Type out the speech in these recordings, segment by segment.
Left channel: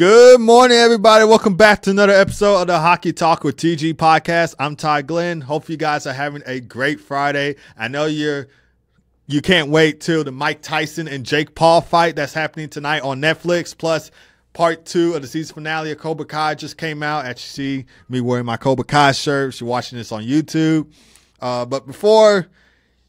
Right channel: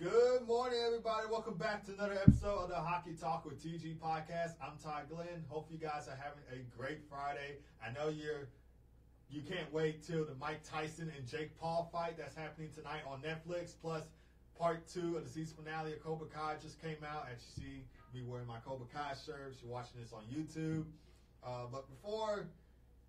Good morning, everybody. Welcome back to another episode of the Hockey Talk with TG podcast. I'm Ty Glenn. Hope you guys are having a great Friday. I know you can't wait till the Mike Tyson and Jake Paul fight that's happening tonight on Netflix. Plus, part 2 of the season finale of Cobra Kai just came out. As you see me wearing my Cobra Kai shirt. You're watching this on YouTube. But before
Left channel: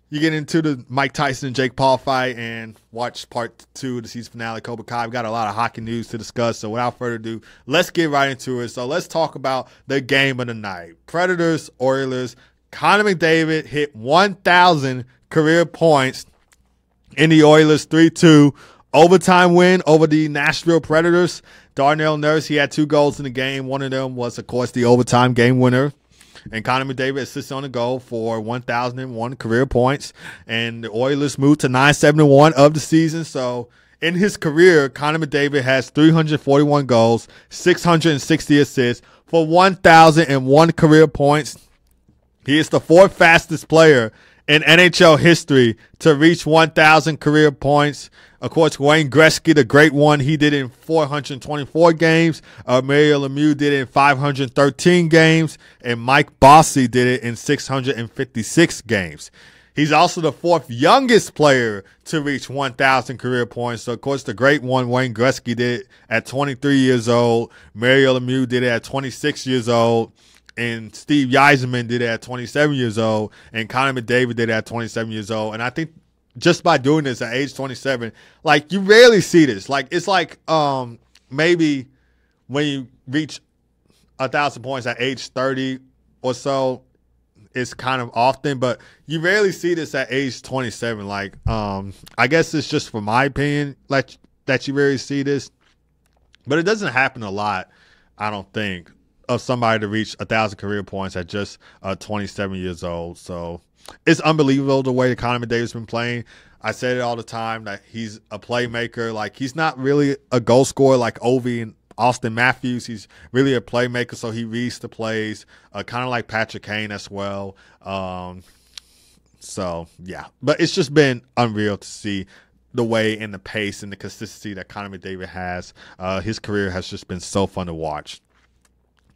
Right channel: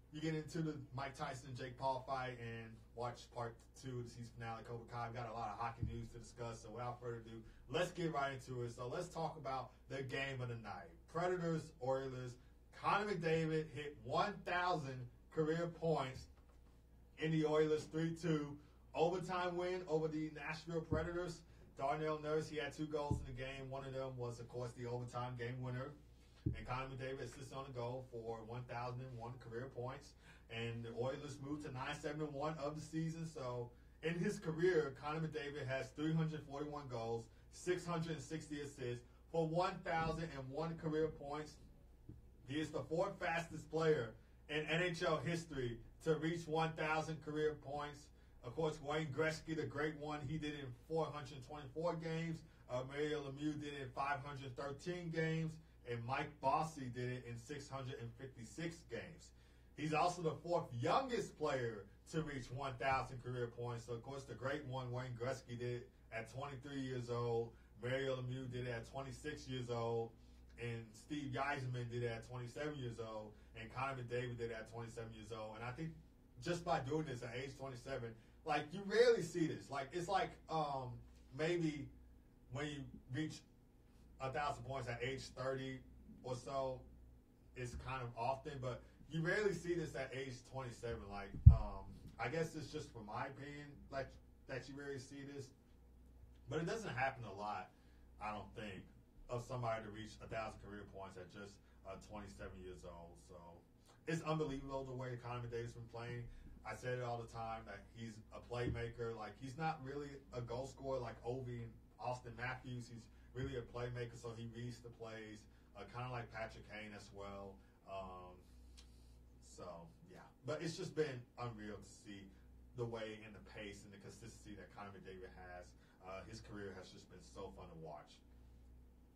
you get into the Mike Tyson and Jake Paul fight and watch part 2 of the season finale of Cobra Kai, we've got a lot of hockey news to discuss. So without further ado, let's get right into it. So let's talk about the game of the night. Predators, Oilers. Connor McDavid hit 1,000 career points in the Oilers 3-2 overtime win over the Nashville Predators. Darnell Nurse, he had 2 goals in the game. One of them was, of course, the overtime game winner. And Connor McDavid assisted on the goal for 1,001 career points. And the Oilers moved to 9-7-1 of the season. So in his career, Connor McDavid has 341 goals, 660 assists for 1,001 career points. He is the 4th fastest player in NHL history to reach 1,000 career points. Of course, Wayne Gretzky, the great one, he did it in 424 games. Mario Lemieux did it in 513 games. And Mike Bossy did it in 656 games. He's also the 4th youngest player to reach 1,000 career points. So, of course, the great one, Wayne Gretzky, did it at 23 years old. Mario Lemieux did it at 26 years old. And Steve Yzerman did it at 27 years old. And Connor McDavid did it at 27 years old. And I think just by doing this at age 27, like, you rarely see this. Like, it's like maybe when you reach 1,000 points at age 30 or so, it's kind of often, but you rarely see this at age 27. Like, I guess it's just for my opinion, like, that you rarely see this, but it doesn't happen a lot, I don't think, of somebody to reach 1,000 career points at just 27 years old. So it's unbelievable the way that Connor McDavid's been playing. I said it all the time that he's a playmaker. Like, he's not really a goal scorer like Ovi and Austin Matthews. He's really a playmaker, so he reads the plays, kind of like Patrick Kane as well. So, yeah. But it's just been unreal to see the way and the pace and the consistency that Connor McDavid has. His career has just been so fun to watch.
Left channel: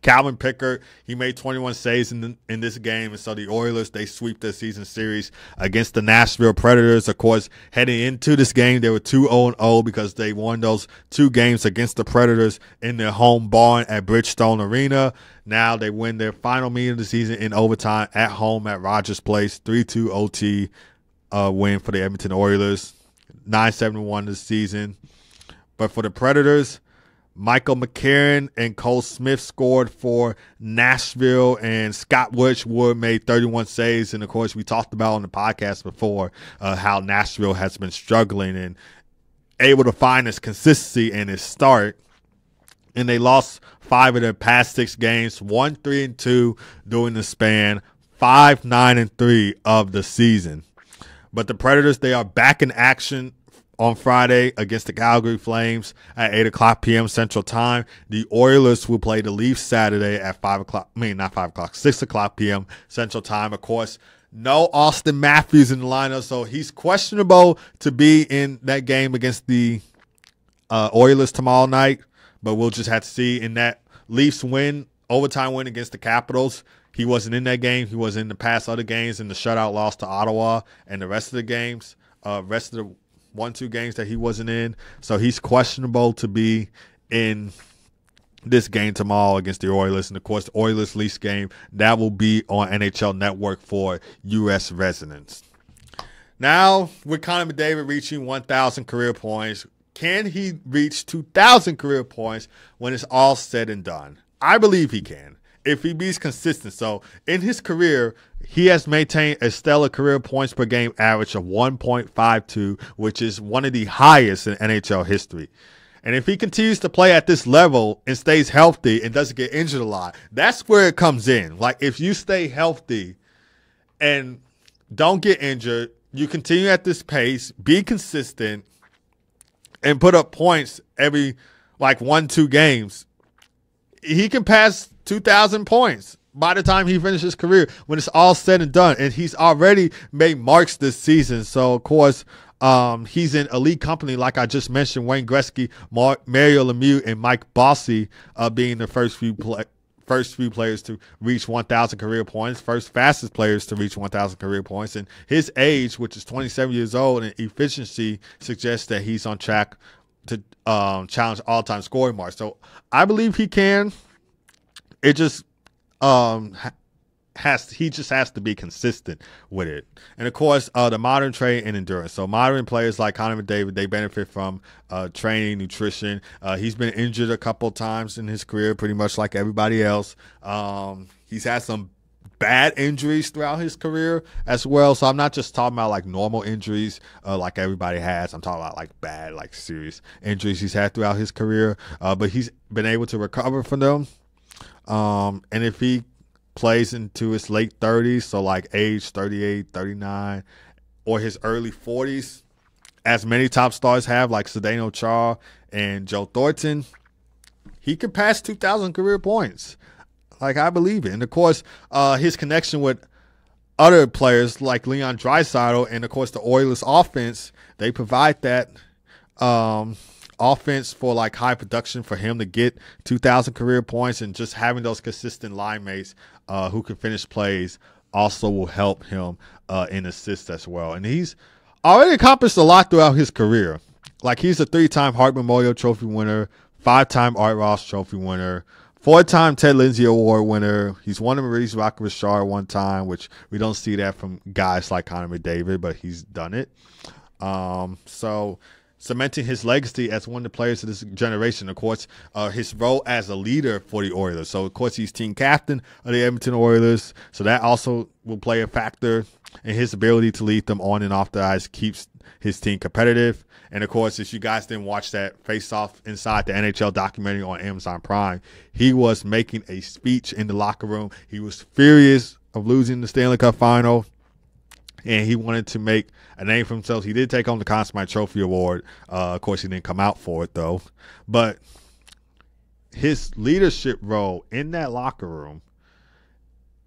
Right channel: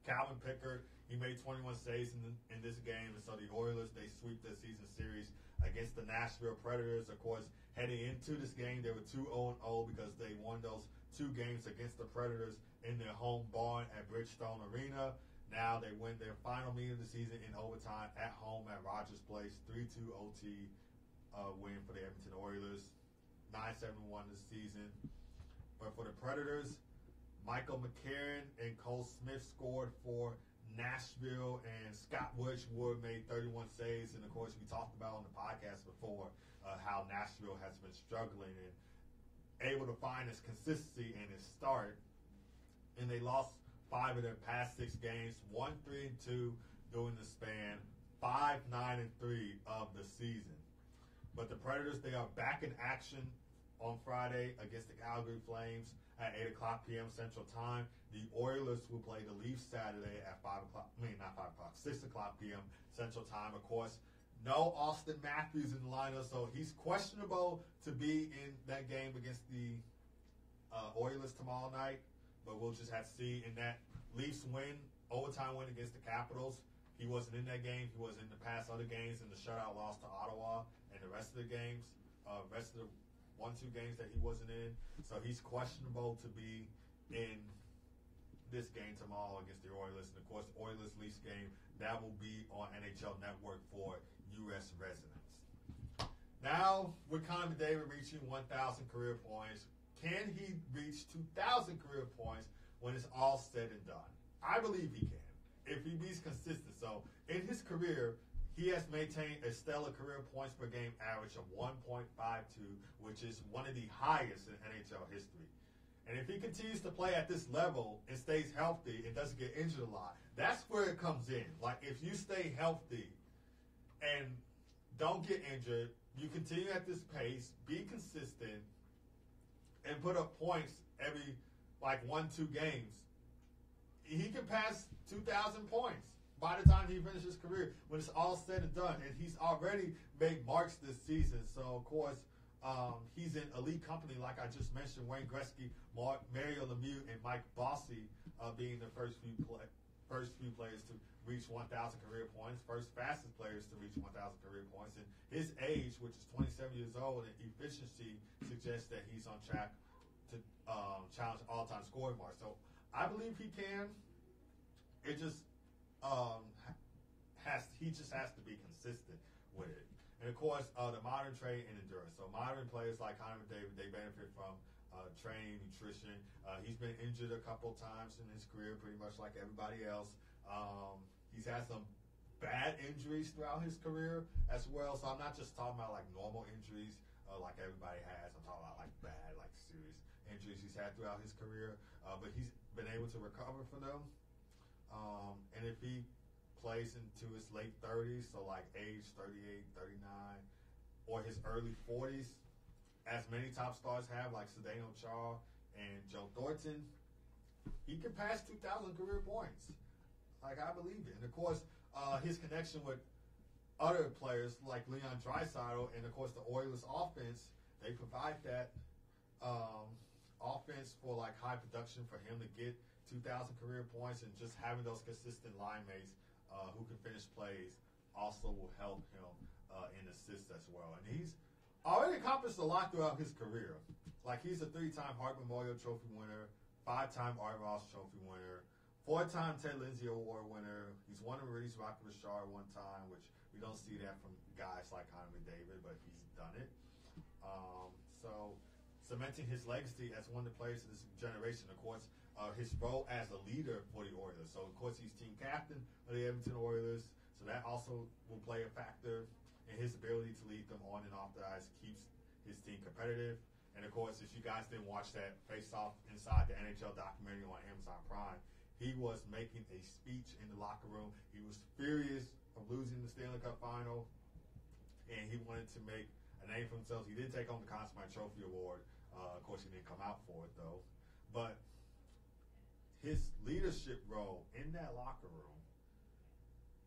Calvin Pickard, he made 21 saves in this game, and so the Oilers, they sweep their season series against the Nashville Predators. Of course, heading into this game, they were 2-0 because they won those 2 games against the Predators in their home barn at Bridgestone Arena. Now they win their final meeting of the season in overtime at home at Rogers Place, 3-2 OT win for the Edmonton Oilers, 9-7-1 this season. But for the Predators, Michael McCarron and Cole Smith scored for Nashville, and Scott Wedgwood made 31 saves. And, of course, we talked about on the podcast before how Nashville has been struggling and able to find its consistency in its start. And they lost 5 of their past 6 games, 1-3-2 during the span, 5-9-3 of the season. But the Predators, they are back in action on Friday against the Calgary Flames at 8 o'clock p.m. Central Time. The Oilers will play the Leafs Saturday at 6 o'clock p.m. Central Time. Of course, no Austin Matthews in the lineup, so he's questionable to be in that game against the Oilers tomorrow night, but we'll just have to see. In that Leafs win, overtime win against the Capitals, he wasn't in that game. He was in the past other games in the shutout loss to Ottawa and the rest of the games, rest of the 1-2 games that he wasn't in. So he's questionable to be in this game tomorrow against the Oilers. And, of course, the Oilers-Leafs game, that will be on NHL Network for U.S. residents. Now, with Connor McDavid reaching 1,000 career points, can he reach 2,000 career points when it's all said and done? I believe he can, if he be consistent. So in his career, he has maintained a stellar career points per game average of 1.52, which is one of the highest in NHL history. And if he continues to play at this level and stays healthy and doesn't get injured a lot, that's where it comes in. Like, if you stay healthy and don't get injured, you continue at this pace, be consistent, and put up points every, 1-2 games, he can pass 2,000 points by the time he finishes his career when it's all said and done. And he's already made marks this season. So, of course, He's in elite company, like I just mentioned, Wayne Gretzky, Mario Lemieux, and Mike Bossy being the first few players to reach 1,000 career points, first fastest players to reach 1,000 career points. And his age, which is 27 years old, and efficiency suggests that he's on track to challenge all-time scoring marks. So I believe he can. It just he just has to be consistent with it. And of course, the modern training and endurance. So modern players like Connor McDavid, they benefit from training, nutrition. He's been injured a couple times in his career, pretty much like everybody else. He's had some bad injuries throughout his career as well. So I'm not just talking about like normal injuries like everybody has. I'm talking about like bad, like serious injuries he's had throughout his career. But he's been able to recover from them. And if he plays into his late 30s, so like age 38, 39, or his early 40s, as many top stars have, like Zdeno Chara and Joe Thornton, he could pass 2,000 career points. Like, I believe it. And, of course, his connection with other players like Leon Draisaitl and, of course, the Oilers offense, they provide that offense for, like, high production for him to get 2,000 career points, and just having those consistent line mates who can finish plays also will help him in assists as well. And he's already accomplished a lot throughout his career. Like, he's a 3-time Hart Memorial Trophy winner, 5-time Art Ross Trophy winner, 4-time Ted Lindsay Award winner. He's won the Maurice Rocket Richard one time, which we don't see that from guys like Connor McDavid, but he's done it. So cementing his legacy as one of the players of this generation. Of course, his role as a leader for the Oilers. So, of course, he's team captain of the Edmonton Oilers. So that also will play a factor in his ability to lead them on and off the ice, keeps his team competitive. And, of course, if you guys didn't watch that Face-Off Inside the NHL documentary on Amazon Prime, he was making a speech in the locker room. He was furious of losing the Stanley Cup final, and he wanted to make a name for himself. He did take home the Conn Smythe Trophy Award. Of course, he didn't come out for it, though. But his leadership role in that locker room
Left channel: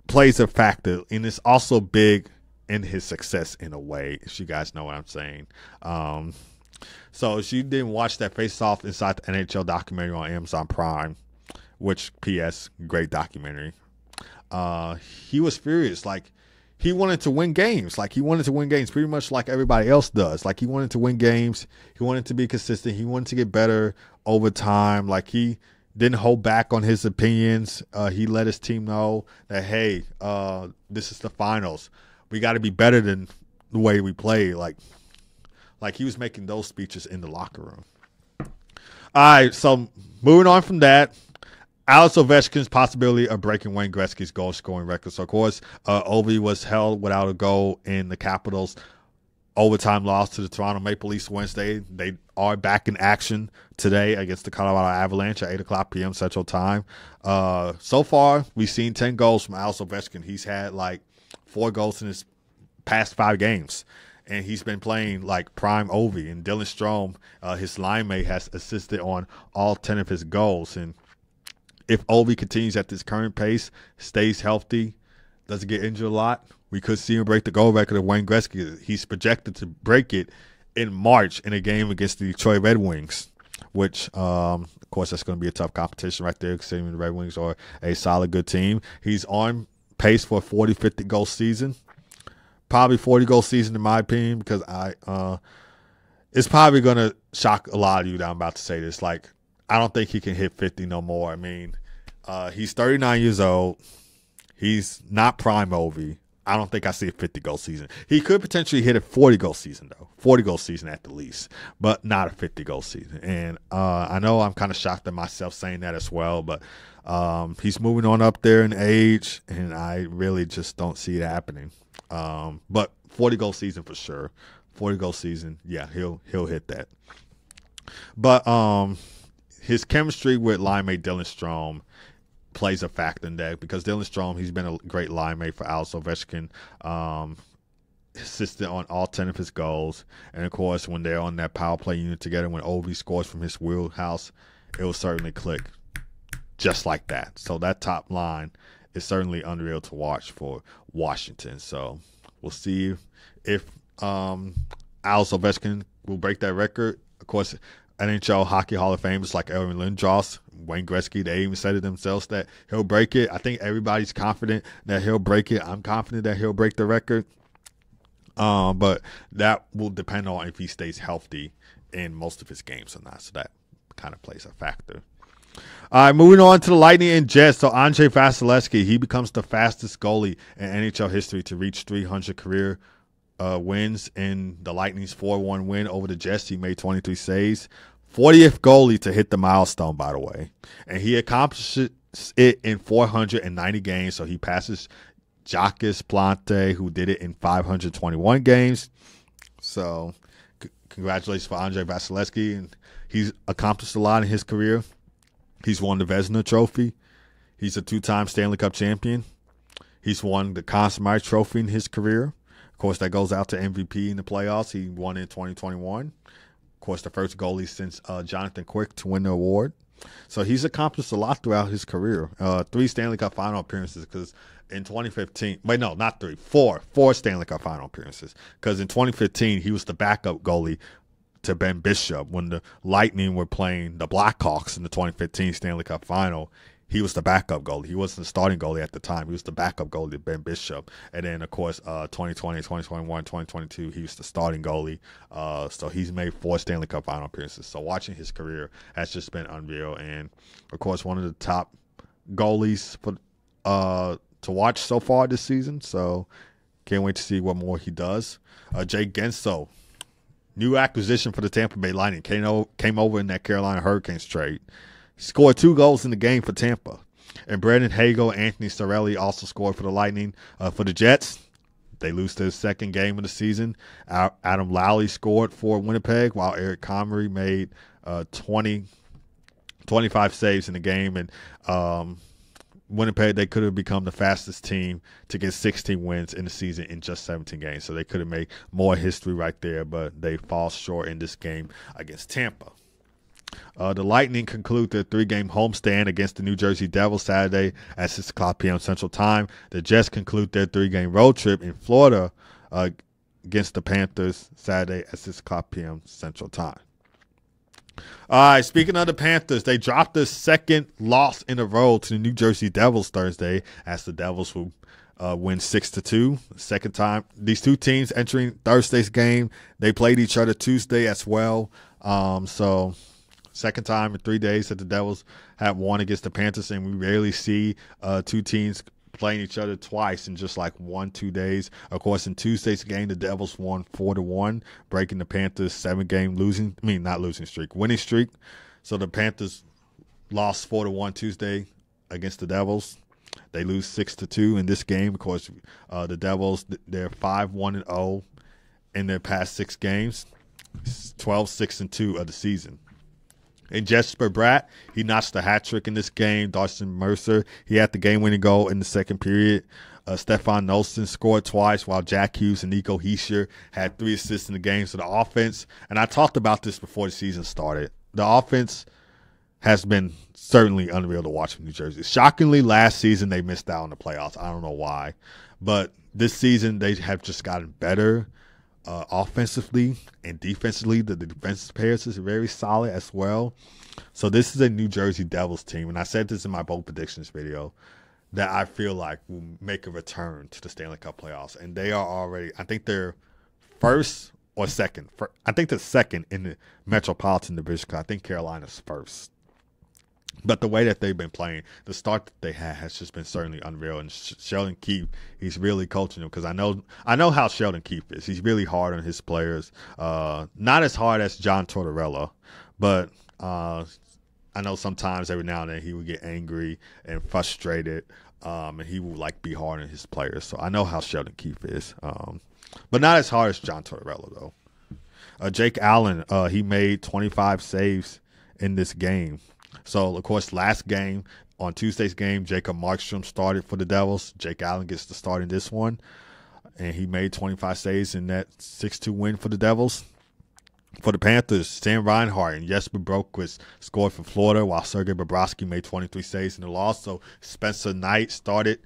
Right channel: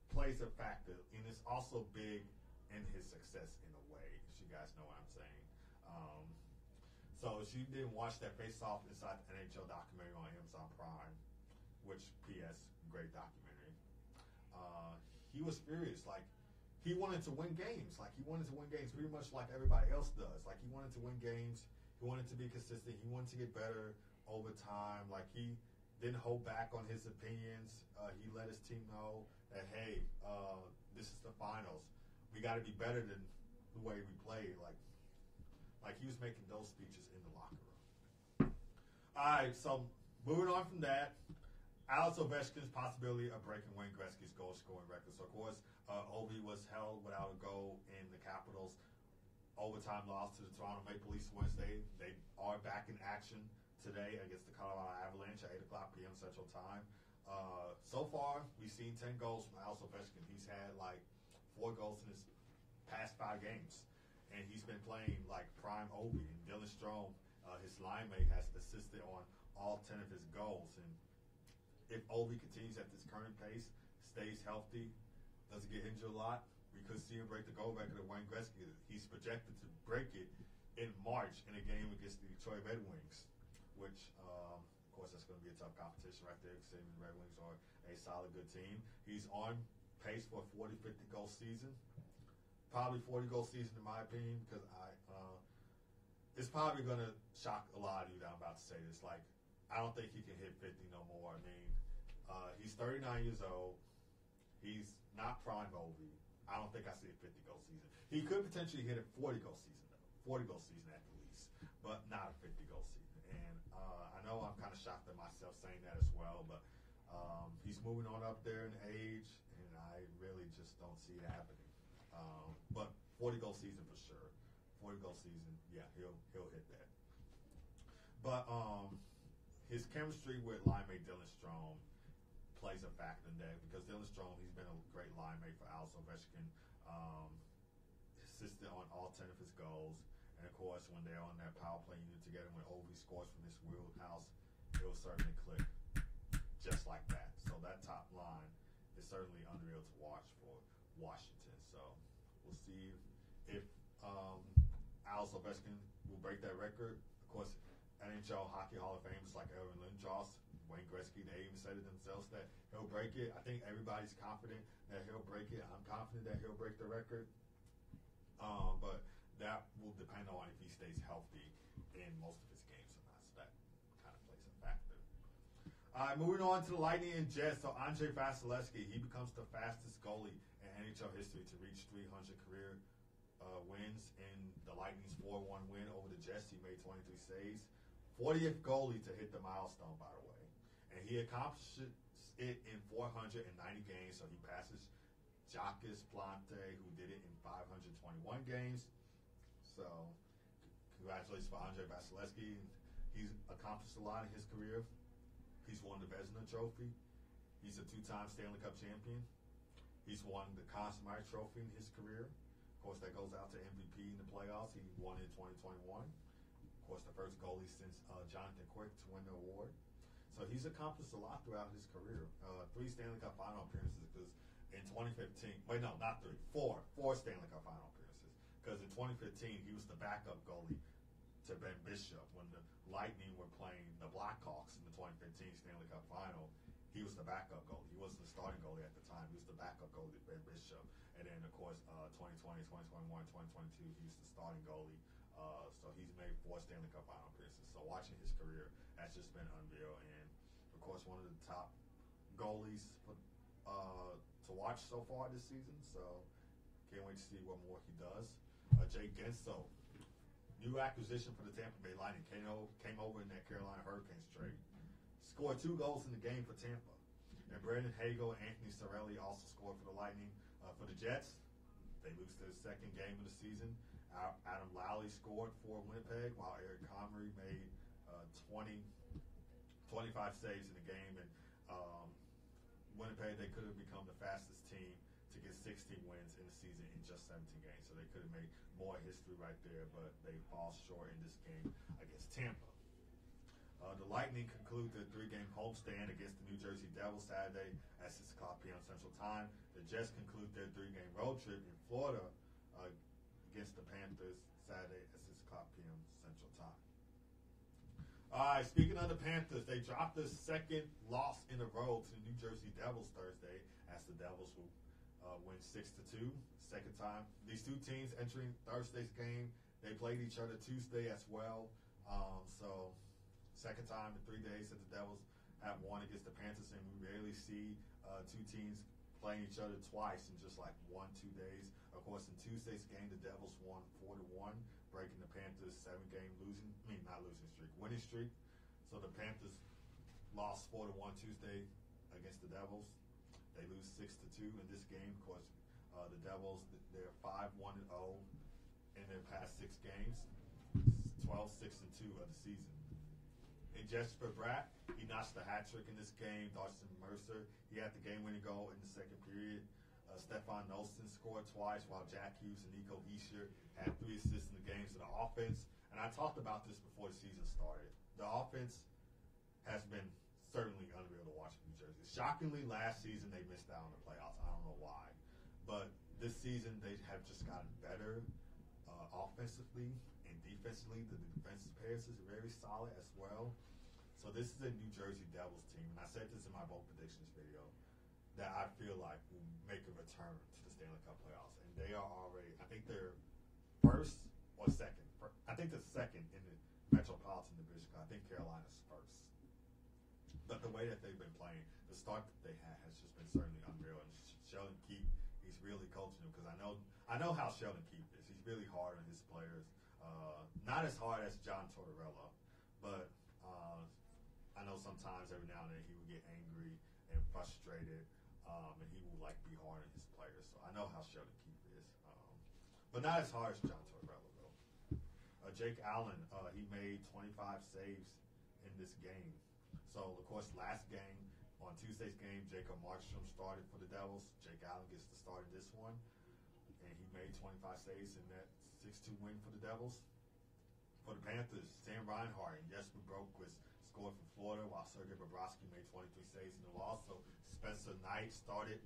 plays a factor, and it's also big in his success in a way, if you guys know what I'm saying. So if you didn't watch that Face-Off Inside the NHL documentary on Amazon Prime, which, P.S., great documentary, he was furious. Like, he wanted to win games. Like, he wanted to win games pretty much like everybody else does. Like, he wanted to win games. He wanted to be consistent. He wanted to get better over time. Like, he didn't hold back on his opinions. He let his team know that, hey, this is the finals. We got to be better than the way we play. Like he was making those speeches in the locker room. All right, so moving on from that, Alex Ovechkin's possibility of breaking Wayne Gretzky's goal-scoring record. So, of course, Ovi was held without a goal in the Capitals' overtime loss to the Toronto Maple Leafs Wednesday. They are back in action today against the Colorado Avalanche at 8 o'clock p.m. Central Time. So far, we've seen 10 goals from Alex Ovechkin. He's had, 4 goals in his past 5 games. And he's been playing like prime Ovi. And Dylan Strome, his line mate, has assisted on all 10 of his goals. And if Ovi continues at this current pace, stays healthy, doesn't get injured a lot, we could see him break the goal record of Wayne Gretzky. He's projected to break it in March in a game against the Detroit Red Wings, which, of course, that's going to be a tough competition right there, considering the Red Wings are a solid, good team. He's on pace for a 40, 50 goal season. Probably 40 goal season in my opinion, because it's probably gonna shock a lot of you that I'm about to say this. Like, I don't think he can hit 50 no more. I mean, he's 39 years old. He's not prime Ovi. I don't think I see a 50 goal season. He could potentially hit a 40 goal season though, 40 goal season at the least, but not a 50 goal season. And I know I'm kind of shocked at myself saying that as well, but he's moving on up there in age, and I really just don't see it happening. But 40 goal season for sure. 40 goal season, yeah, he'll hit that. But his chemistry with line mate Dylan Strome plays a factor in that, because Dylan Strome, he's been a great line mate for Alex Ovechkin, assisted on all 10 of his goals. And of course, when they're on that power play unit together, when Ovi scores from his wheelhouse, it will certainly click just like that. So that top line is certainly unreal to watch for Washington. So we'll see if Alex Alex Ovechkin will break that record. Of course, NHL Hockey Hall of Famers like Aaron Lindros, Wayne Gretzky, they even said it themselves that he'll break it. I think everybody's confident that he'll break it. I'm confident that he'll break the record. But that will depend on if he stays healthy in most of his games or not. So that kind of plays a factor. All right, moving on to the Lightning and Jets. So Andrei Vasilevskiy, he becomes the fastest goalie in NHL history to reach 300 career wins in the Lightning's 4-1 win over the Jets. He made 23 saves. 40th goalie to hit the milestone, by the way. And he accomplishes it in 490 games. So he passes Jacques Plante, who did it in 521 games. So congratulations for Andrei Vasilevskiy. And he's accomplished a lot in his career. He's won the Vezina Trophy. He's a 2-time Stanley Cup champion. He's won the Conn Smythe Trophy in his career. Of course, that goes out to MVP in the playoffs. He won in 2021. Of course, the first goalie since Jonathan Quick to win the award. So he's accomplished a lot throughout his career. 3 Stanley Cup final appearances because in 2015, wait, no, not 3, 4 Stanley Cup final appearances. Because in 2015, he was the backup goalie to Ben Bishop when the Lightning were playing the Blackhawks in the 2015 Stanley Cup final. He was the backup goalie. He wasn't the starting goalie at the time. He was the backup goalie to Ben Bishop. And then, of course, 2020, 2021, 2022, he was the starting goalie. So he's made 4 Stanley Cup final appearances. So watching his career has just been unreal. And, of course, one of the top goalies for to watch so far this season. So can't wait to see what more he does. Jay Genso, new acquisition for the Tampa Bay Lightning, came over in that Carolina Hurricanes trade. He scored 2 goals in the game for Tampa. And Brandon Hagel and Anthony Cirelli also scored for the Lightning. For the Jets, they lose their second game of the season. Adam Lowry scored for Winnipeg, while Eric Comrie made 25 saves in the game. And Winnipeg, they could have become the fastest team to get 16 wins in the season in just 17 games. So they could have made more history right there, but they fall short in this game against Tampa. The Lightning conclude their 3-game homestand against the New Jersey Devils Saturday at 6 o'clock p.m. Central Time. The Jets conclude their 3-game road trip in Florida against the Panthers Saturday at 6 o'clock p.m. Central Time. All right, speaking of the Panthers, they dropped their second loss in a row to the New Jersey Devils Thursday as the Devils will win 6-2. Second time. These two teams entering Thursday's game, they played each other Tuesday as well. So second time in 3 days that the Devils have won against the Panthers, and we rarely see 2 teams playing each other twice in just like 1-2 days. Of course, in Tuesday's game, the Devils won 4-1, breaking the Panthers' 7-game winning streak. So the Panthers lost 4-1 Tuesday against the Devils. They lose 6-2 in this game. Of course, the Devils, they're 5-1-0 in their past 6 games, 12-6-2 of the season. And Jesper Bratt, he notched a hat trick in this game. Dawson Mercer, he had the game-winning goal in the second period. Stefan Noesen scored twice, while Jack Hughes and Nico Hischier had 3 assists in the game. So the offense, and I talked about this before the season started, the offense has been certainly unreal to watch from New Jersey. Shockingly, last season they missed out on the playoffs. I don't know why. But this season they have just gotten better. Offensively and defensively, the defensive players is very solid as well. So this is a New Jersey Devils team, and I said this in my bold predictions video, that I feel like will make a return to the Stanley Cup playoffs. And they are already, I think they're first or second. I think they're second in the Metropolitan Division. I think Carolina's first. But the way that they've been playing, the start that they had has just been certainly unreal. And Sheldon Keefe, he's really coaching them because I know how Sheldon Keefe is. He's really hard on his players. Not as hard as John Tortorella, but I know sometimes every now and then he would get angry and frustrated, and he will be hard on his players. So I know how Sheldon Keefe is, but not as hard as John Tortorella though. Jake Allen, he made 25 saves in this game. So, of course, last game, on Tuesday's game, Jacob Markstrom started for the Devils. Jake Allen gets the start in this one, and he made 25 saves in that 6-2 win for the Devils. For the Panthers, Sam Reinhart and Jesper Broquist scored for Florida, while Sergei Bobrovsky made 23 saves in the loss. So Spencer Knight started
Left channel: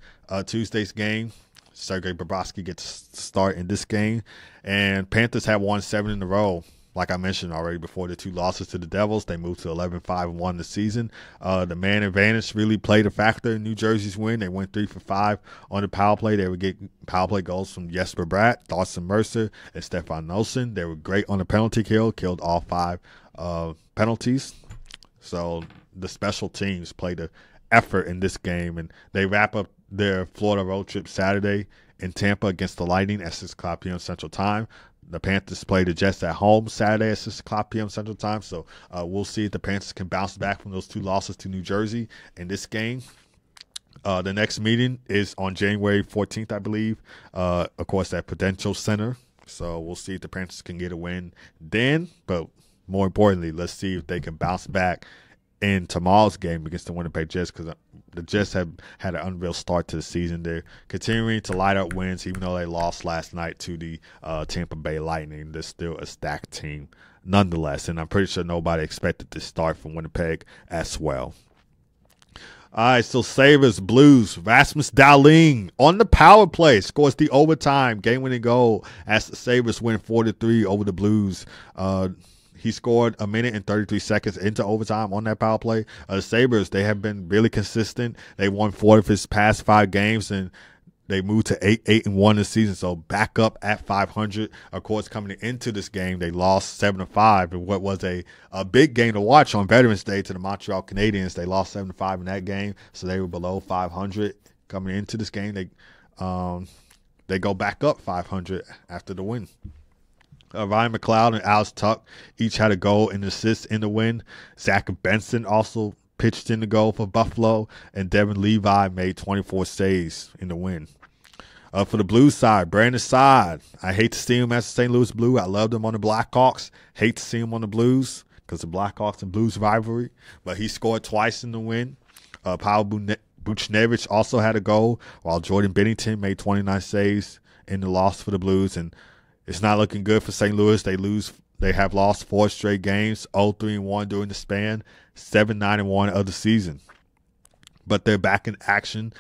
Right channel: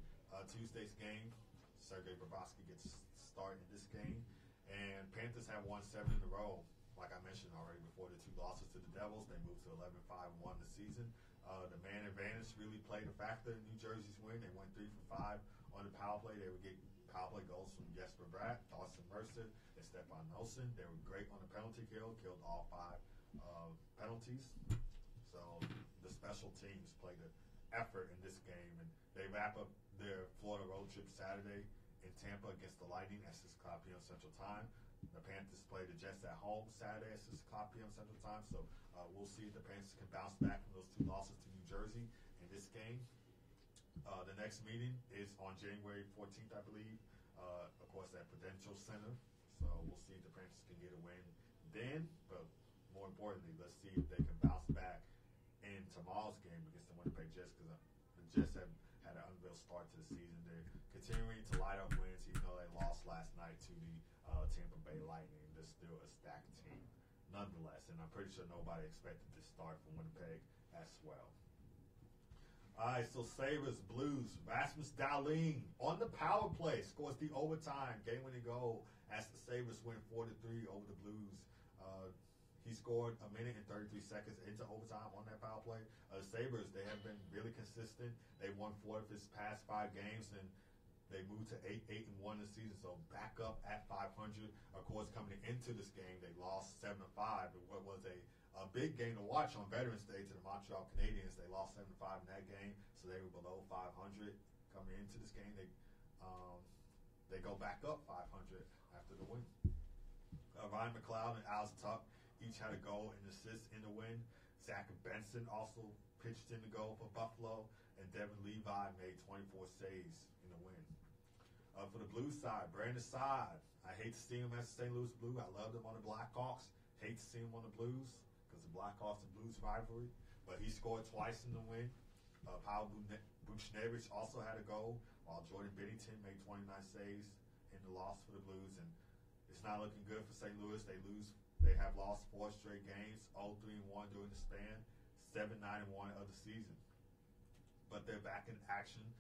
Tuesday's game Sergei Bobrovsky gets to start in this game. And Panthers have won 7 in a row. Like I mentioned already before, the 2 losses to the Devils, they moved to 11-5-1 this season. The man advantage really played a factor in New Jersey's win. They went 3 for 5 on the power play. They would get power play goals from Jesper Bratt, Dawson Mercer, and Stefan Noesen. They were great on the penalty kill, killed all 5 penalties. So the special teams played an effort in this game, and they wrap up their Florida road trip Saturday in Tampa against the Lightning at 6 o'clock p.m. Central Time. The Panthers play the Jets at home Saturday at 6 o'clock p.m. Central Time. So we'll see if the Panthers can bounce back from those 2 losses to New Jersey in this game. The next meeting is on January 14th, I believe, of course, at Prudential Center. So we'll see if the Panthers can get a win then. But more importantly, let's see if they can bounce back in tomorrow's game against the Winnipeg Jets, because the Jets have had an unreal start to the season. They're continuing to light up wins, even though they lost last night to the Tampa Bay Lightning. They're still a stacked team nonetheless, and I'm pretty sure nobody expected this start from Winnipeg as well. All right, so Sabres, Blues, Rasmus Dahlin on the power play scores the overtime game-winning goal as the Sabres win 4-3 over the Blues. He scored 1 minute and 33 seconds into overtime on that power play. The Sabres, they have been really consistent. They won 4 of his past 5 games, and they moved to 8-1 this season, so back up at 500. Of course, coming into this game, they lost 7-5 in what was a big game to watch on Veterans Day to the Montreal Canadiens. They lost 7-5 in that game, so they were below 500 coming into this game. They go back up 500 after the win. Ryan McLeod and Alex Tuck each had a goal and assist in the win. Zach Benson also pitched in the goal for Buffalo, and Devin Levi made 24 saves in the win. For the Blues side, Brandon Saad. I hate to see him as a St. Louis Blue. I loved him on the Blackhawks. Hate to see him on the Blues because the Blackhawks and Blues rivalry. But he scored twice in the win. Pavel Buchnevich also had a goal, while Jordan Bennington made 29 saves in the loss for the Blues. And it's not looking good for St. Louis. They have lost 4 straight games, 0-3-1 during the span, 7-9-1 of the season. But they're back in action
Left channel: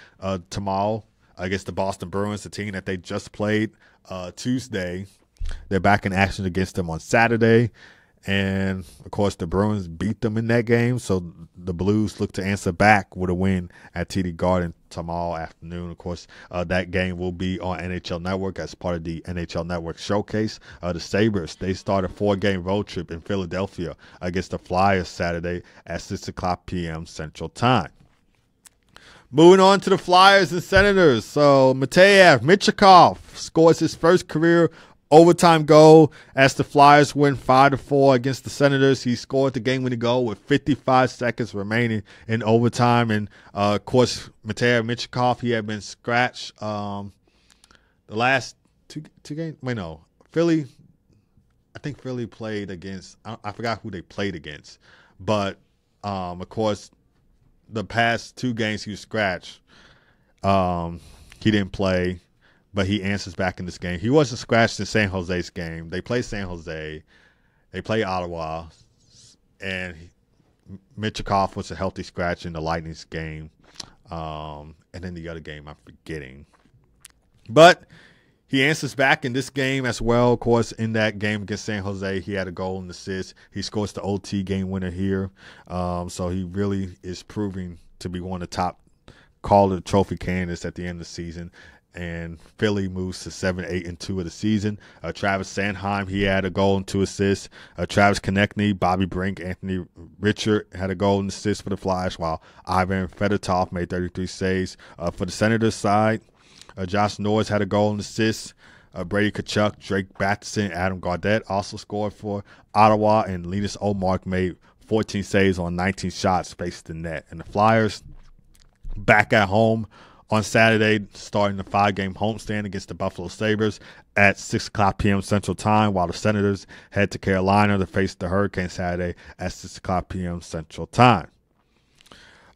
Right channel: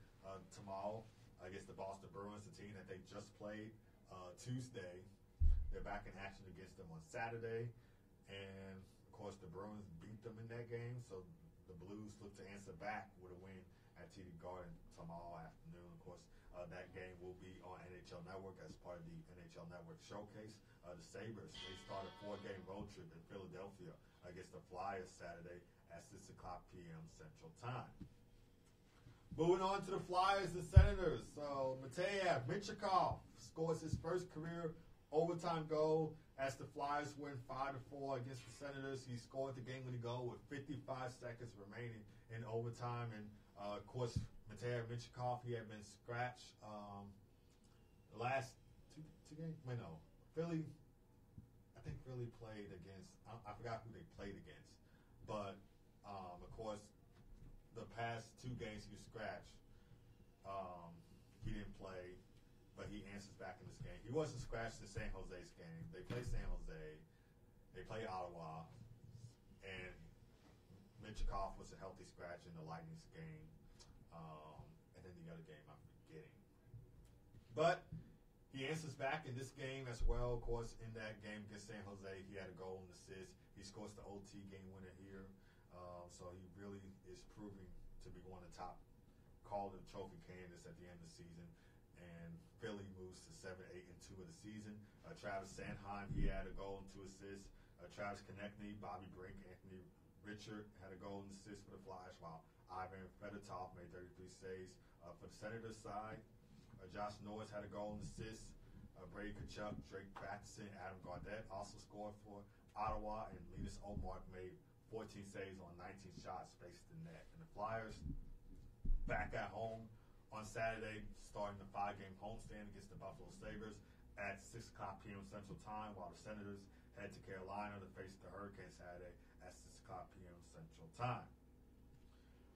tomorrow against the Boston Bruins, the team that they just played Tuesday. They're back in action against them on Saturday. And, of course, the Bruins beat them in that game, so the Blues look to answer back with a win at TD Garden tomorrow afternoon. Of course, that game will be on NHL Network as part of the NHL Network Showcase. The Sabres, they start a 4-game road trip in Philadelphia against the Flyers Saturday at 6 o'clock p.m. Central Time. Moving on to the Flyers and Senators. So, Mateev Michikov scores his first career overtime goal as the Flyers win 5-4 against the Senators. He scored the game-winning goal with 55 seconds remaining in overtime. And, of course, Mateev Michikov, he had been scratched the last two games. Wait, no. Philly, I think Philly played against – I forgot who they played against. But, of course, the past 2 games he was scratched. He didn't play. But he answers back in this game. He wasn't scratched in San Jose's game. They play San Jose. They play Ottawa. And Michikov was a healthy scratch in the Lightning's game. And then the other game I'm forgetting. But he answers back in this game as well. Of course, in that game against San Jose, he had a goal and assist. He scores the OT game winner here. So he really is proving to be one of the top Calder Trophy candidates at the end of the season. And Philly moves to 7-8-2 of the season. Travis Sanheim, he had a goal and 2 assists. Travis Konechny, Bobby Brink, Anthony Richard had a goal and assist for the Flyers, while Ivan Fedotov made 33 saves. For the Senators side, Josh Norris had a goal and assist. Brady Tkachuk, Drake Batherson, Adam Gaudette also scored for Ottawa, and Linus Ullmark made 14 saves on 19 shots faced the net. And the Flyers back at home on Saturday, starting the 5-game homestand against the Buffalo Sabres at 6 o'clock p.m. Central Time, while the Senators head to Carolina to face the Hurricanes Saturday at 6 o'clock p.m. Central Time.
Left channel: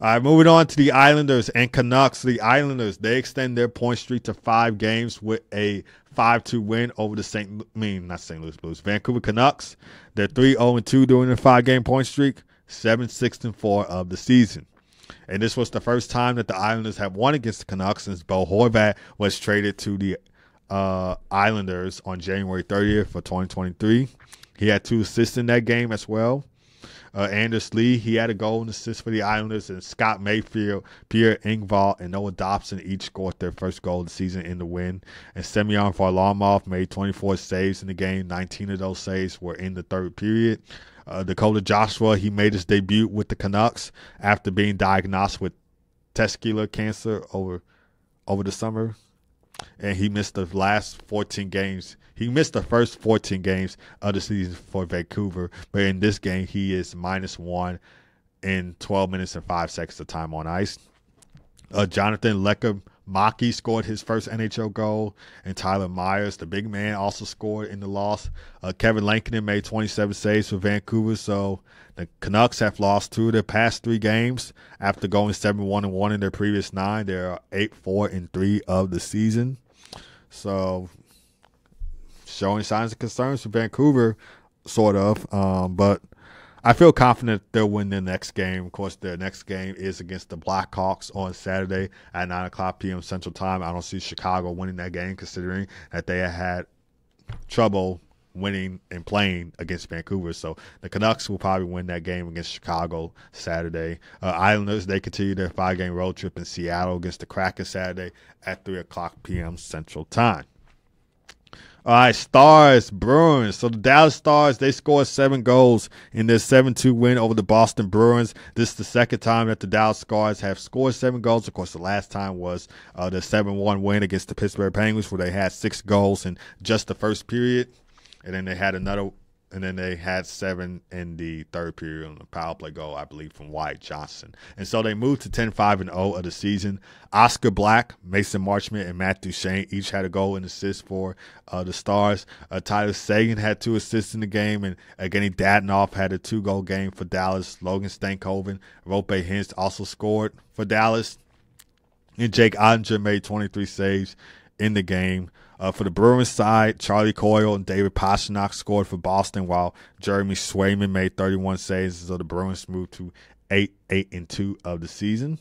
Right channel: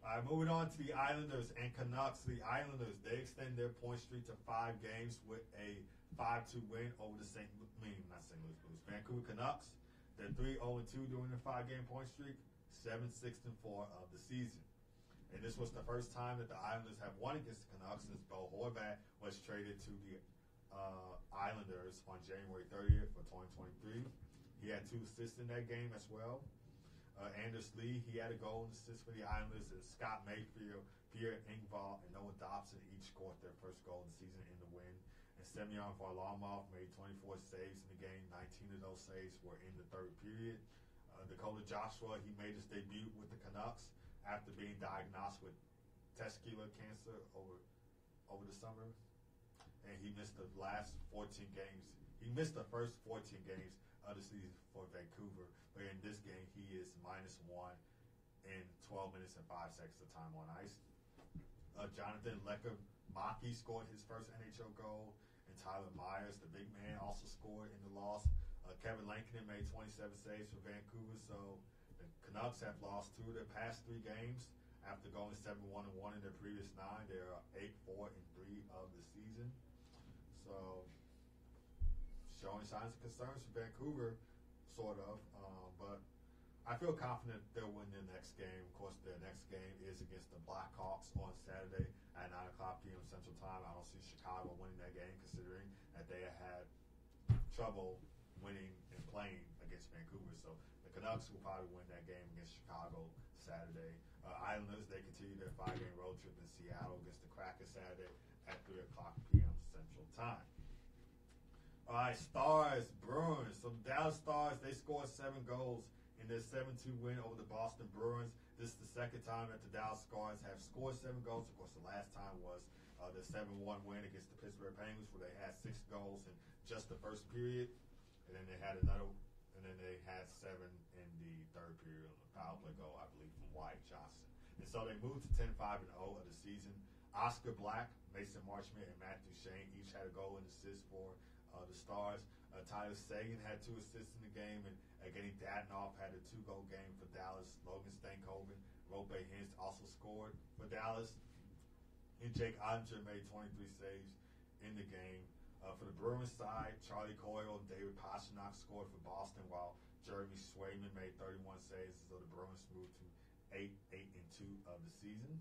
All right, moving on to the Islanders and Canucks. The Islanders, they extend their point streak to 5 games with a 5-2 win over the Vancouver Canucks. They're 3-0-2 during the 5-game point streak, 7-6-4 of the season. And this was the first time that the Islanders have won against the Canucks since Bo Horvat was traded to the Islanders on January 30th for 2023. He had 2 assists in that game as well. Anders Lee, he had a goal and assist for the Islanders, and Scott Mayfield, Pierre Engvall, and Noah Dobson each scored their first goal of the season in the win. And Semyon Varlamov made 24 saves in the game. 19 of those saves were in the third period. Dakota Joshua, he made his debut with the Canucks after being diagnosed with testicular cancer over the summer. And he missed the last 14 games. He missed the first 14 games of the season for Vancouver. But in this game, he is -1 in 12 minutes and 5 seconds of time on ice. Jonathan Lekkerimäki scored his first NHL goal. And Tyler Myers, the big man, also scored in the loss. Kevin Lankinen made 27 saves for Vancouver. So the Canucks have lost 2 of their past 3 games. After going 7-1-1 in their previous 9, they are 8-4-3 of the season. So showing signs of concerns for Vancouver, sort of. But I feel confident they'll win their next game. Of course, their next game is against the Blackhawks on Saturday at 9:00 p.m. Central Time. I don't see Chicago winning that game, considering that they had trouble winning and playing against Vancouver. So the Canucks will probably win that game against Chicago Saturday. Islanders, they continue their 5-game road trip in Seattle against the Kraken Saturday at 3:00 p.m. Central Time. All right, Stars, Bruins. So the Dallas Stars, they scored 7 goals in their 7-2 win over the Boston Bruins. This is the second time that the Dallas Stars have scored 7 goals. Of course, the last time was the 7-1 win against the Pittsburgh Penguins, where they had 6 goals in just the first period. And then they had another, and then they had 7 in the third period on the power play goal, I believe, from Wyatt Johnson. And so they moved to 10-5-0 of the season. Oscar Black, Mason Marchment, and Matt Duchene each had a goal and assist for the Stars. Tyler Seguin had 2 assists in the game, and Evgeny Dadonov had a 2-goal game for Dallas. Logan Stankoven, Rope Hintz also scored for Dallas. And Jake Ottinger made 23 saves in the game. For the Bruins side, Charlie Coyle and David Pastrnak scored for Boston, while Jeremy Swayman made 31 saves. So the Bruins moved to 8-2 of the season.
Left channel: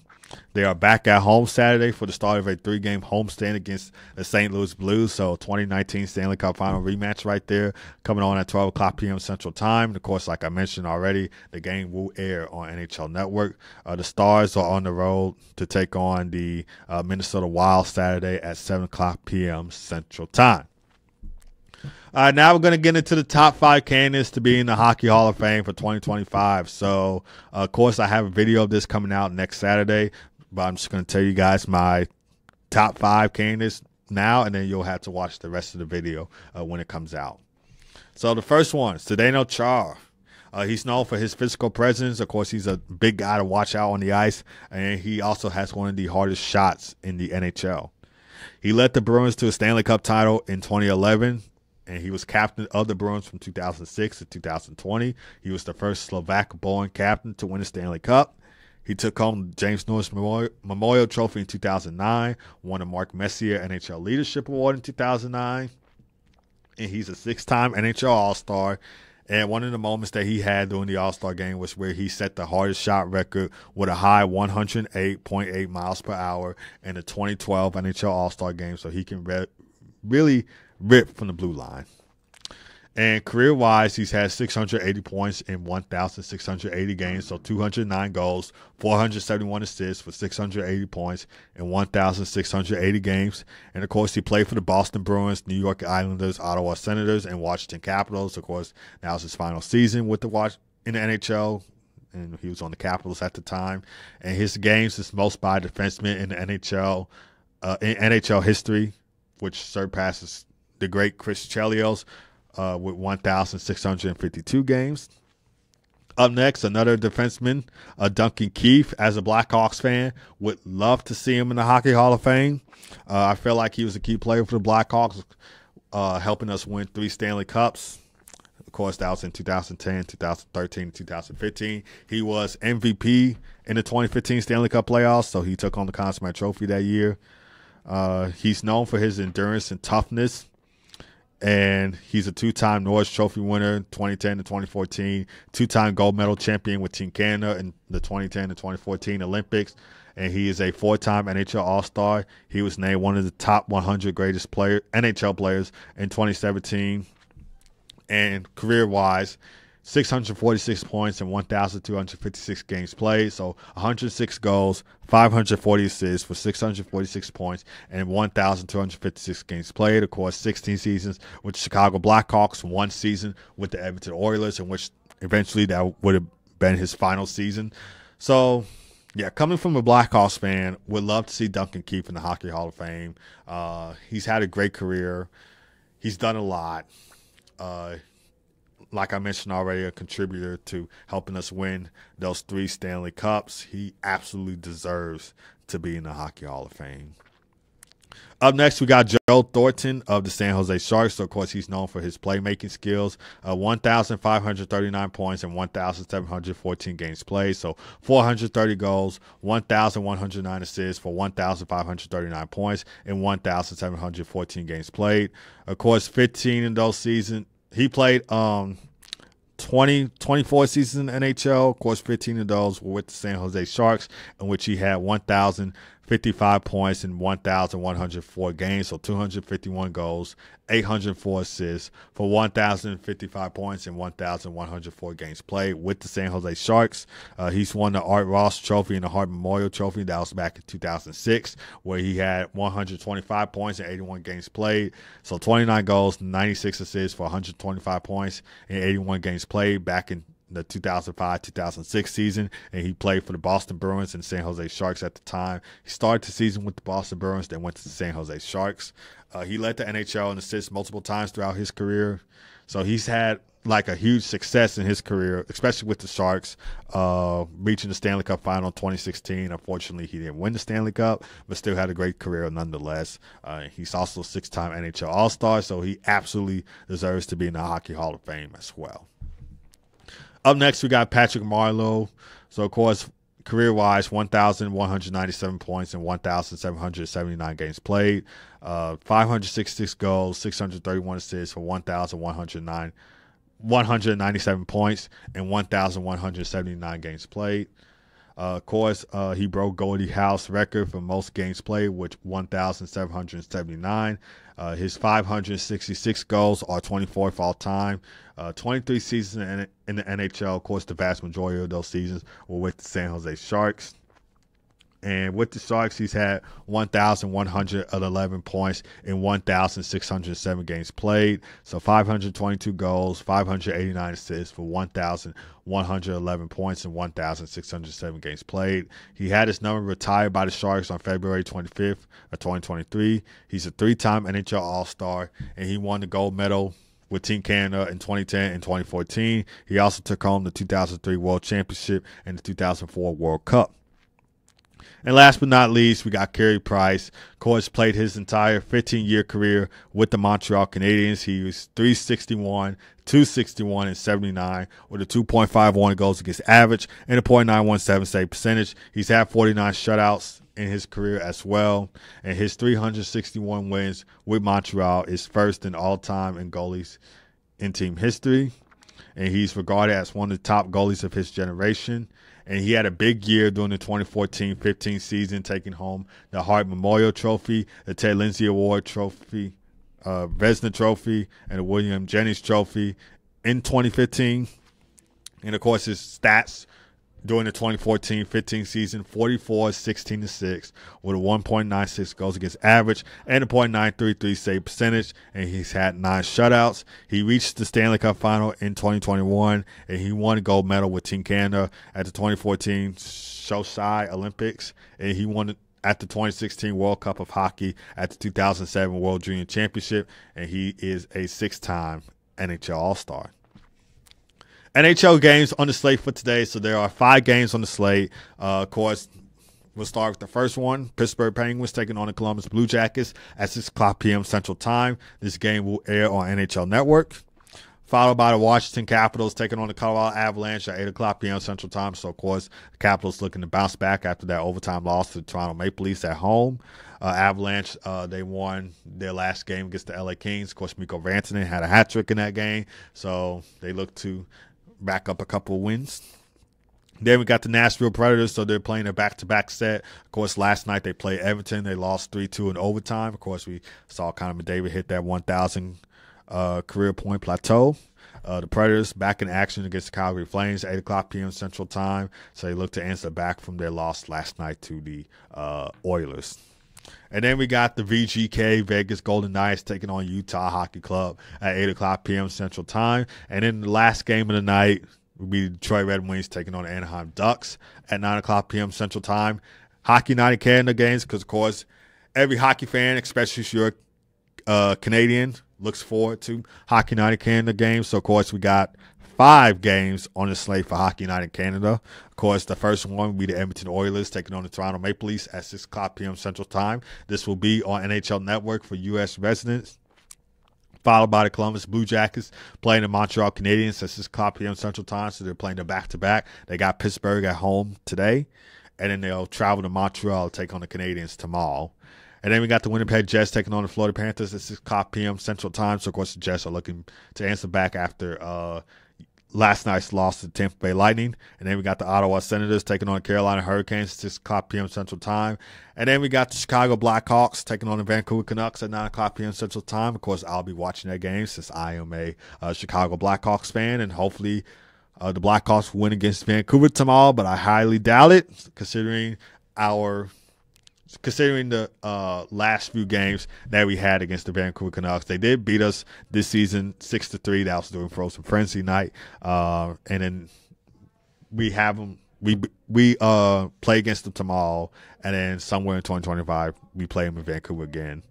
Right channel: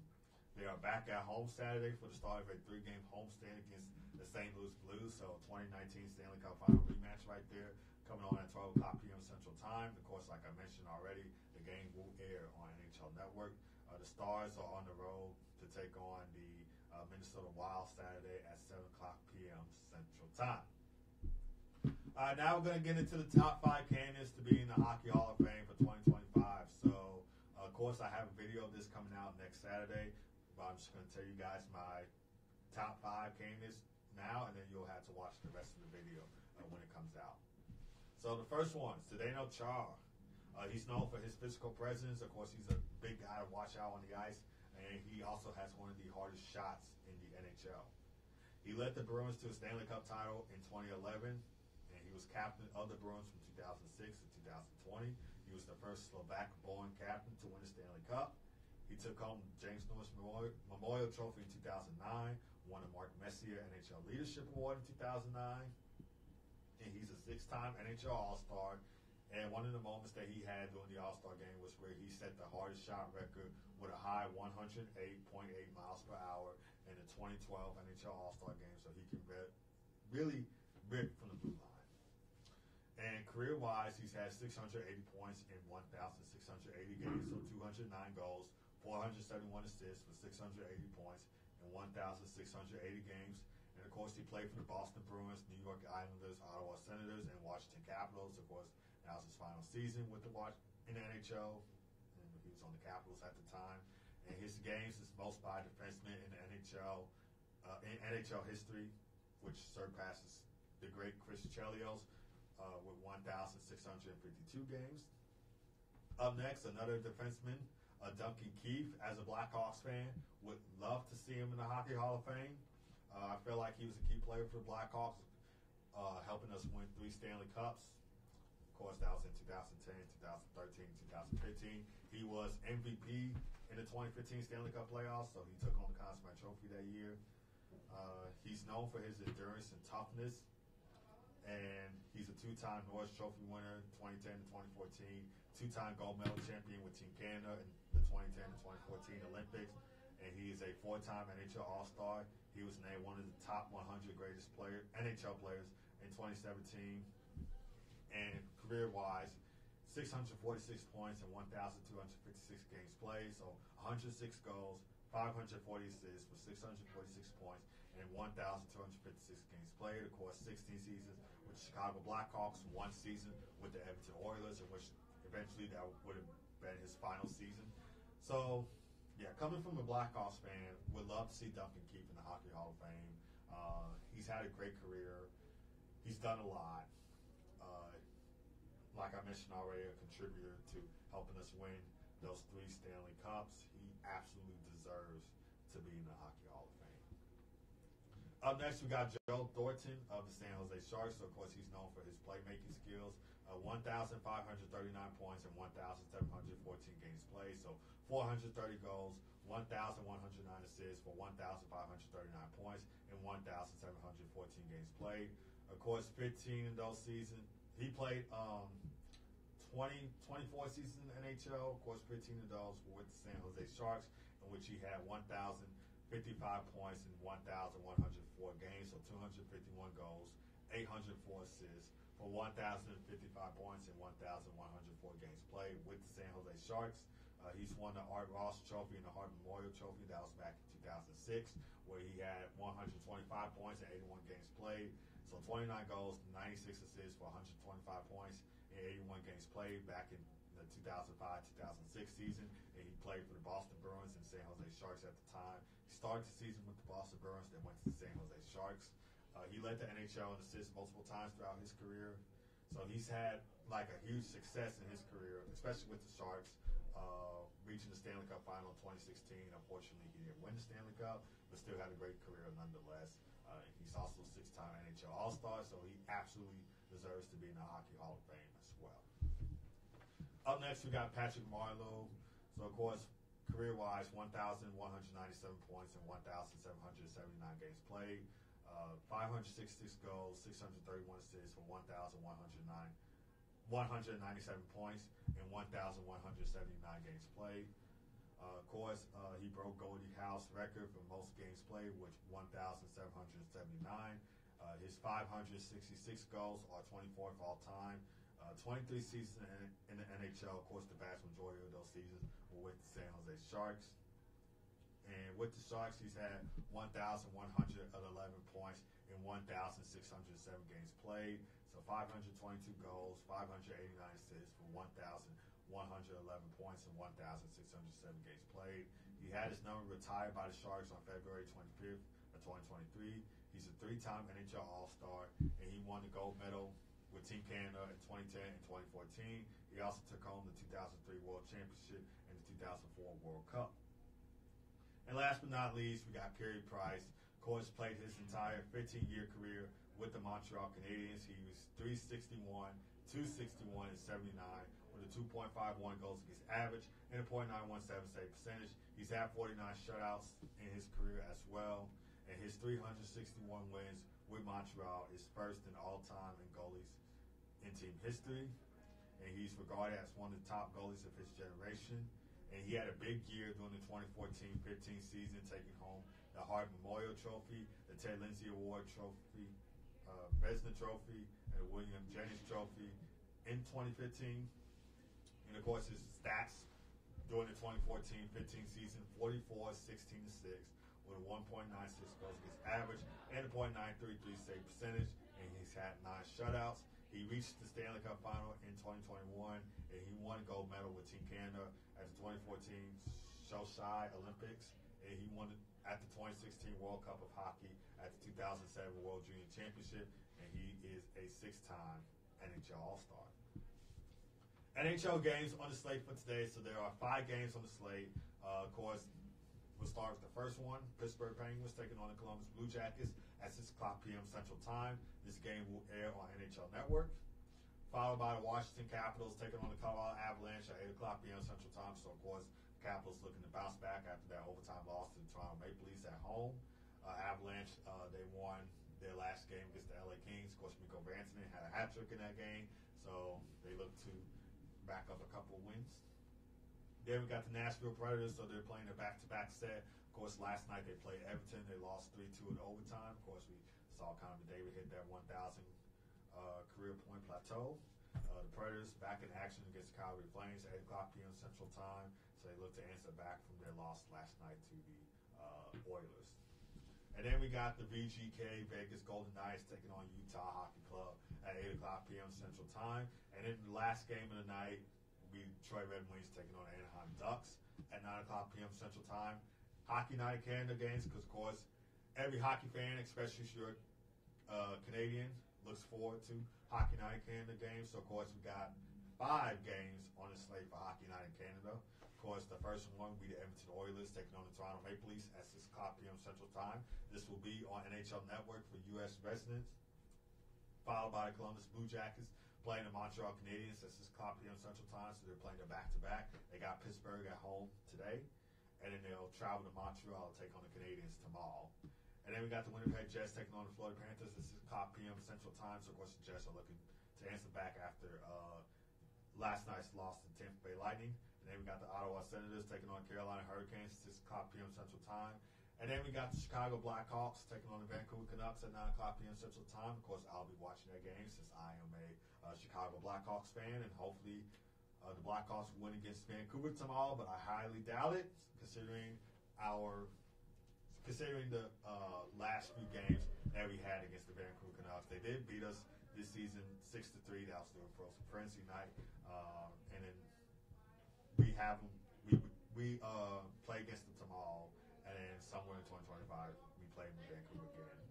They are back at home Saturday for the start of a 3-game homestand against the St. Louis Blues. So 2019 Stanley Cup Final rematch right there, coming on at 12:00 p.m. Central Time. And of course, like I mentioned already, the game will air on NHL Network. The Stars are on the road to take on the Minnesota Wild Saturday at 7:00 p.m. Central Time. Now we're going to get into the top 5 candidates to be in the Hockey Hall of Fame for 2025. So, of course, I have a video of this coming out next Saturday, but I'm just going to tell you guys my top 5 candidates now, and then you'll have to watch the rest of the video when it comes out. So the first one, Zdeno Chara. He's known for his physical presence. Of course, he's a big guy to watch out on the ice, and he also has one of the hardest shots in the NHL. He led the Bruins to a Stanley Cup title in 2011. And he was captain of the Bruins from 2006 to 2020. He was the first Slovak-born captain to win a Stanley Cup. He took home the James Norris Memorial Trophy in 2009, won the Mark Messier NHL Leadership Award in 2009, and he's a 6-time NHL All-Star. And one of the moments that he had during the All-Star game was where he set the hardest shot record with a high 108.8 miles per hour in the 2012 NHL All-Star game, so he can really rip from the blue line. And career-wise, he's had 680 points in 1,680 games, so 209 goals, 471 assists for 680 points in 1,680 games. And, of course, he played for the Boston Bruins, New York Islanders, Ottawa Senators, and Washington Capitals. Of course, now's his final season with in the NHL, and he was on the Capitals at the time. And his games is most by a defenseman in the NHL history, which surpasses the great Chris Chelios with 1,652 games. Up next, another defenseman, Duncan Keith. As a Blackhawks fan, would love to see him in the Hockey Hall of Fame. I feel like he was a key player for the Blackhawks, helping us win 3 Stanley Cups. Of course, that was in 2010, 2013, 2015. He was MVP in the 2015 Stanley Cup playoffs, so he took on the Conn Smythe Trophy that year. He's known for his endurance and toughness. And he's a two-time Norris Trophy winner, 2010 to 2014, two-time gold medal champion with Team Canada in the 2010 to 2014 Olympics. And he is a four-time NHL All-Star. He was named one of the top 100 greatest NHL players in 2017. And career-wise, 646 points in 1,256 games played. So 106 goals, 540 assists for 646 points and 1,256 games played. Of course, 16 seasons with the Chicago Blackhawks, 1 season with the Edmonton Oilers, in which eventually that would have been his final season. So, yeah, coming from a Blackhawks fan, would love to see Duncan Keith in the Hockey Hall of Fame. He's had a great career. He's done a lot. Like I mentioned already, a contributor to helping us win those 3 Stanley Cups. He absolutely deserves to be in the Hockey Hall of Fame. Up next, we got Joe Thornton of the San Jose Sharks. So, of course, he's known for his playmaking skills. 1,539 points and 1,714 games played. So, 430 goals, 1,109 assists for 1,539 points and 1,714 games played. Of course, 15 in those seasons. He played 24 seasons in NHL. Of course, 15 of those were with the San Jose Sharks, in which he had 1,055 points in 1,104 games, so 251 goals, 804 assists for 1,055 points in 1,104 games played with the San Jose Sharks. He's won the Art Ross Trophy and the Hart Memorial Trophy. That was back in 2006, where he had 125 points in 81 games played. So 29 goals, 96 assists for 125 points in 81 games played back in the 2005-2006 season, and he played for the Boston Bruins and San Jose Sharks at the time. He started the season with the Boston Bruins, then went to the San Jose Sharks. He led the NHL in assists multiple times throughout his career. So he's had like a huge success in his career, especially with the Sharks, reaching the Stanley Cup final in 2016. Unfortunately, he didn't win the Stanley Cup, but still had a great career nonetheless. He's also a 6-time NHL All-Star, so he absolutely deserves to be in the Hockey Hall of Fame as well. Up next, we got Patrick Marleau. So, of course, career-wise, 1,197 points and 1,779 games played. 566 goals, 631 assists for 197 points and 1,179 games played. Of course, he broke Gordie Howe's record for most games played, with 1,779. His 566 goals are 24th all time. 23 seasons in the NHL. Of course, the vast majority of those seasons were with the San Jose Sharks. And with the Sharks, he's had 1,111 points in 1,607 games played. So 522 goals, 589 assists for 1,111 points in 1,607 games played. He had his number retired by the Sharks on February 25th of 2023. He's a 3-time NHL All-Star, and he won the gold medal with Team Canada in 2010 and 2014. He also took home the 2003 World Championship and the 2004 World Cup. And last but not least, we got Carey Price. Of course, played his entire 15-year career with the Montreal Canadiens. He was .361, .261, and .79 with a 2.51 goals against average and a .917 save percentage. He's had 49 shutouts in his career as well. And his 361 wins with Montreal is first in all-time in goalies in team history. And he's regarded as one of the top goalies of his generation. And he had a big year during the 2014-15 season, taking home the Hart Memorial Trophy, the Ted Lindsay Award Trophy, Vezina Trophy, and the William Jennings Trophy in 2015. And, of course, his stats during the 2014-15 season, 44, 16, and 6, with a 1.96 goals against average and a .933 save percentage, and he's had 9 shutouts. He reached the Stanley Cup final in 2021, and he won a gold medal with Team Canada at the 2014 Sochi Olympics, and he won at the 2016 World Cup of Hockey, at the 2007 World Junior Championship, and he is a 6-time NHL All-Star. NHL games on the slate for today. So there are 5 games on the slate. Of course, we'll start with the first one. Pittsburgh Penguins taking on the Columbus Blue Jackets at 6 o'clock p.m. Central Time. This game will air on NHL Network. followed by the Washington Capitals taking on the Colorado Avalanche at 8 o'clock p.m. Central Time. So, of course, the Capitals looking to bounce back after that overtime loss to the Toronto Maple Leafs at home. Avalanche, they won their last game against the LA Kings. Of course, Mikko Rantanen had a hat trick in that game, so they look to back up a couple of wins. Then we got the Nashville Predators, so they're playing a back-to-back set. Of course, last night they played Everton. They lost 3-2 in overtime. Of course, we saw Connor McDavid hit that 1,000 career point plateau. The Predators back in action against the Calgary Flames, 8 o'clock p.m. Central Time. So they look to answer back from their loss last night to the Oilers. And then we got the VGK, Vegas Golden Knights, taking on Utah Hockey Club at 8 o'clock p.m. Central Time. And then the last game of the night will be the Detroit Red Wings taking on the Anaheim Ducks at 9 o'clock p.m. Central Time. Hockey Night in Canada games because, of course, every hockey fan, especially if you're Canadian, looks forward to Hockey Night in Canada games. So, of course, we got 5 games on the slate for Hockey Night in Canada. Of course, the first one will be the Edmonton Oilers taking on the Toronto Maple Leafs at 6 o'clock p.m. Central Time. This will be on NHL Network for U.S. residents. Followed by the Columbus Blue Jackets playing the Montreal Canadiens at 6 o'clock p.m. Central Time. So they're playing the back-to-back. They got Pittsburgh at home today. And then they'll travel to Montreal to take on the Canadiens tomorrow. And then we got the Winnipeg Jets taking on the Florida Panthers at 6 o'clock p.m. Central Time. So, of course, the Jets are looking to answer back after last night's loss to the Tampa Bay Lightning. And then we got the Ottawa Senators taking on the Carolina Hurricanes at 6 o'clock p.m. Central Time. And then we got the Chicago Blackhawks taking on the Vancouver Canucks at 9 o'clock p.m. Central Time. Of course, I'll be watching that game since I am a Chicago Blackhawks fan. And hopefully the Blackhawks win against Vancouver tomorrow. But I highly doubt it considering the last few games that we had against the Vancouver Canucks. They did beat us this season 6-3. That was during Frozen Frenzy night. And then we have them. We play against them tomorrow. And then somewhere in 2025, we play them in Vancouver again.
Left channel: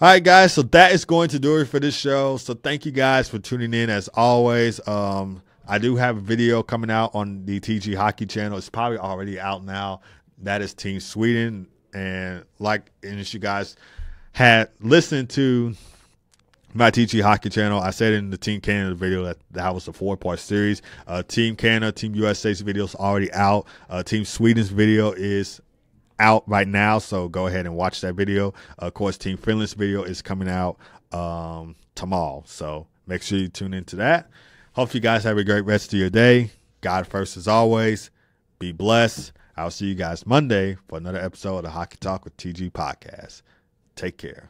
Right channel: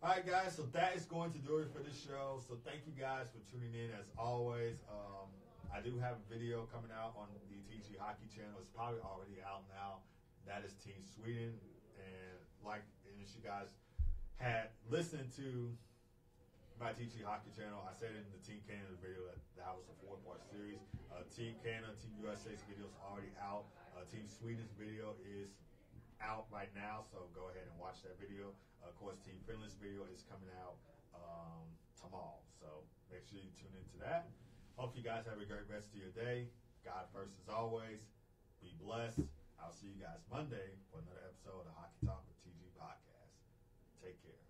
All right, guys. So that is going to do it for this show. So thank you guys for tuning in as always. I do have a video coming out on the TG Hockey channel. It's probably already out now. That is Team Sweden. And if you guys had listened to my TG Hockey channel, I said in the Team Canada video that was a 4-part series. Team Canada, Team USA's video is already out. Team Sweden's video is out right now, so go ahead and watch that video. Of course, Team Finland's video is coming out tomorrow, so make sure you tune into that. Hope you guys have a great rest of your day. God first as always. Be blessed. I'll see you guys Monday for another episode of the Hockey Talk with TG Podcast. Take care.